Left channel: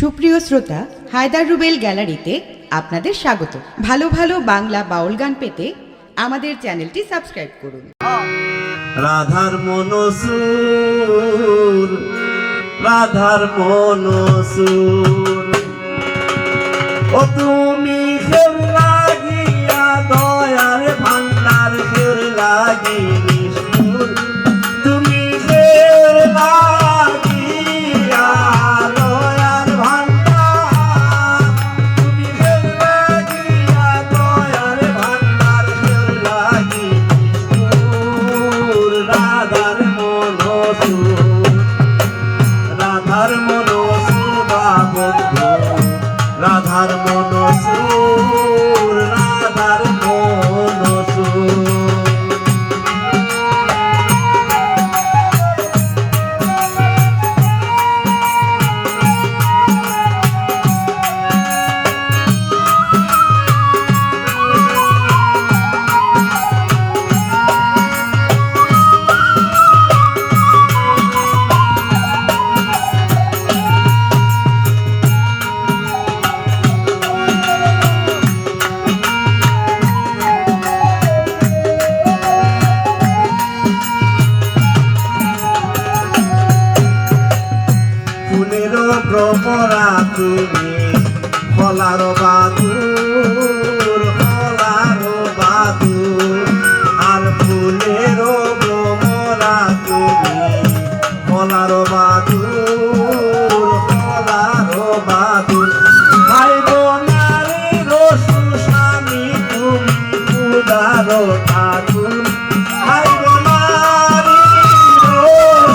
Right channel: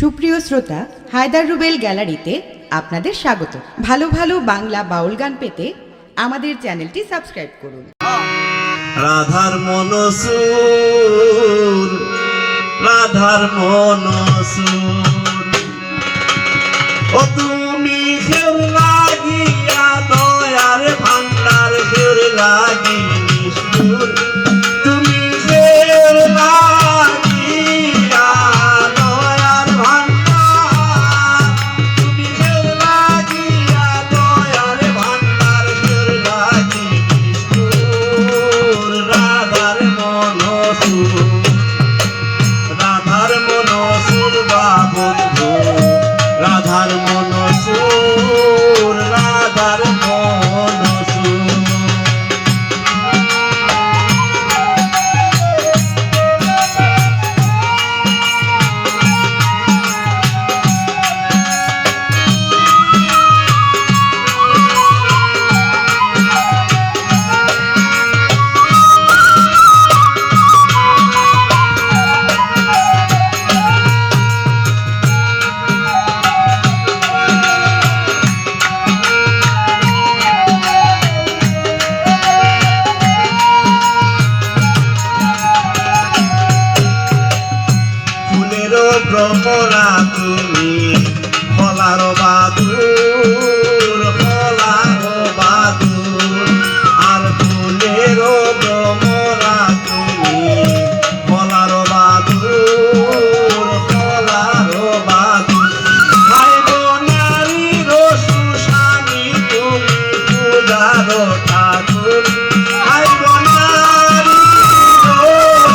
সুপ্রিয় শ্রোতা, হায়দার রুবেল গ্যালারিতে আপনাদের স্বাগত। ভালো ভালো বাংলা বাউল গান পেতে আমাদের চ্যানেলটি সাবস্ক্রাইব করুন। রাধার মনসুর, রাধার মনসুর, ও তুমি খেল লাগিয়া দয়ার ভান্ডার খেল লাগি নিষ্ঠুর, তুমি খেল লাগিয়া দয়ার ভান্ডার, তুমি খেল লাগিয়া দয়ার ভান্ডার খেল লাগি নিষ্ঠুর। রাধার মনসুর, রাধার মনসুর বাবন্ধু, রাধার মনসুর, রাধার মনসুর। ফুলেরও ভ্রমরা তুমি, ফলার বাদুর, ফলার বাদুর, আর ফুলেরও ভ্রমরা তুমি, ফলার বাদুর, ফলার বাদুর। ভাই বোনারির সুস্বামী তুমি, পূজার ঠাকুর, ভাই বোনারির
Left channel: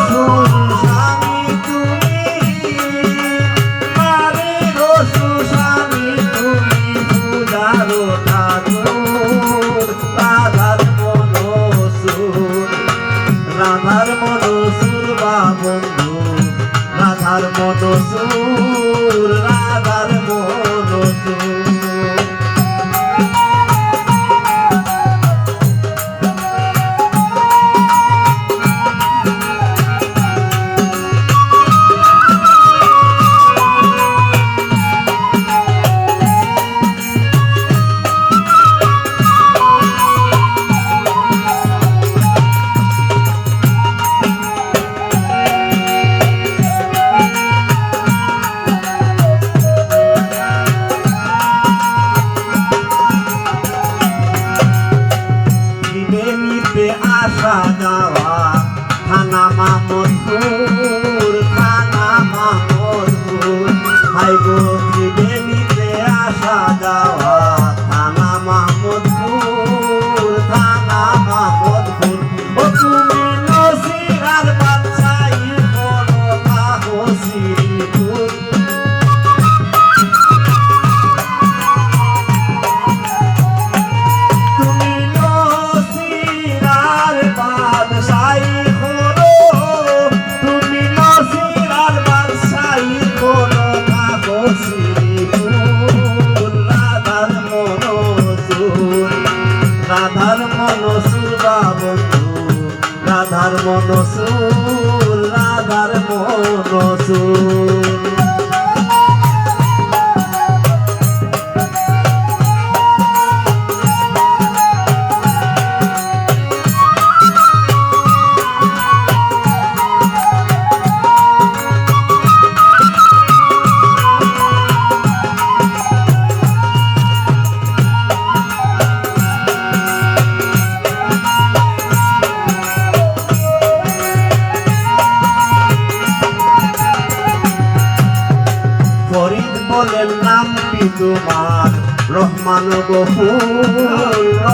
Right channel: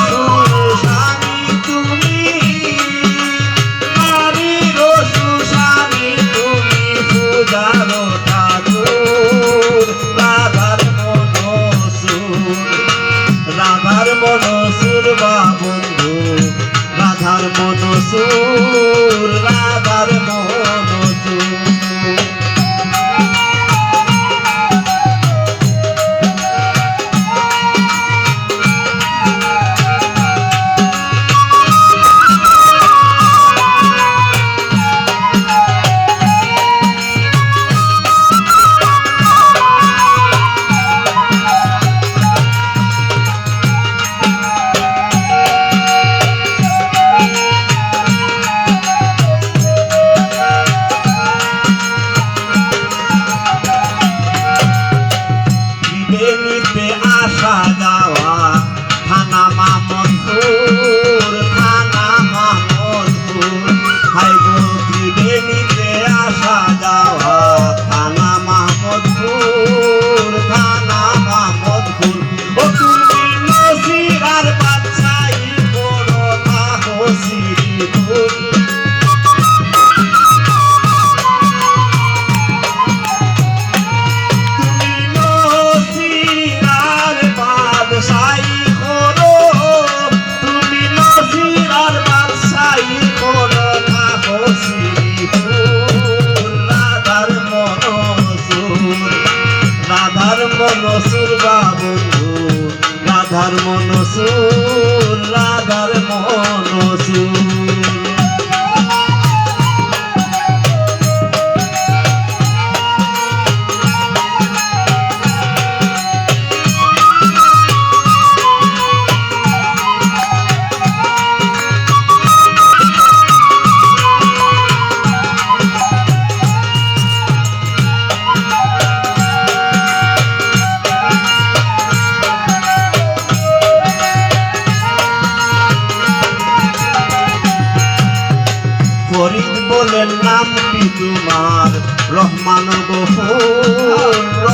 সুস্বামী তুমি, নারীর সুস্বামী তুমি, পূজার ঠাকুর। রাধার মনসুর, রাধার মনসুর বাবন্ধু, রাধার মনসুর, রাধার মনসুর। ত্রিবেণীতে আসা যাওয়া, থানা মামদপুর, থানা মামদপুর। হাই গো ত্রিবেণীতে আসা যাওয়া, থানা মামদপুর, থানা মামদপুর। ও তুমি নসিরার বাদশাহী বড় তাহসিপুর, তুমি নসিরার বাদশাহী করো, তুমি নসিরার বাদশাহী করো তাহসিপুর। রাধার মনসুর, রাধার মনসুর বাবন্ধু, রাধার মনসুর, রাধার মনসুর। ফরিদ বলেন নামটি তোমার, রহমান গফুর,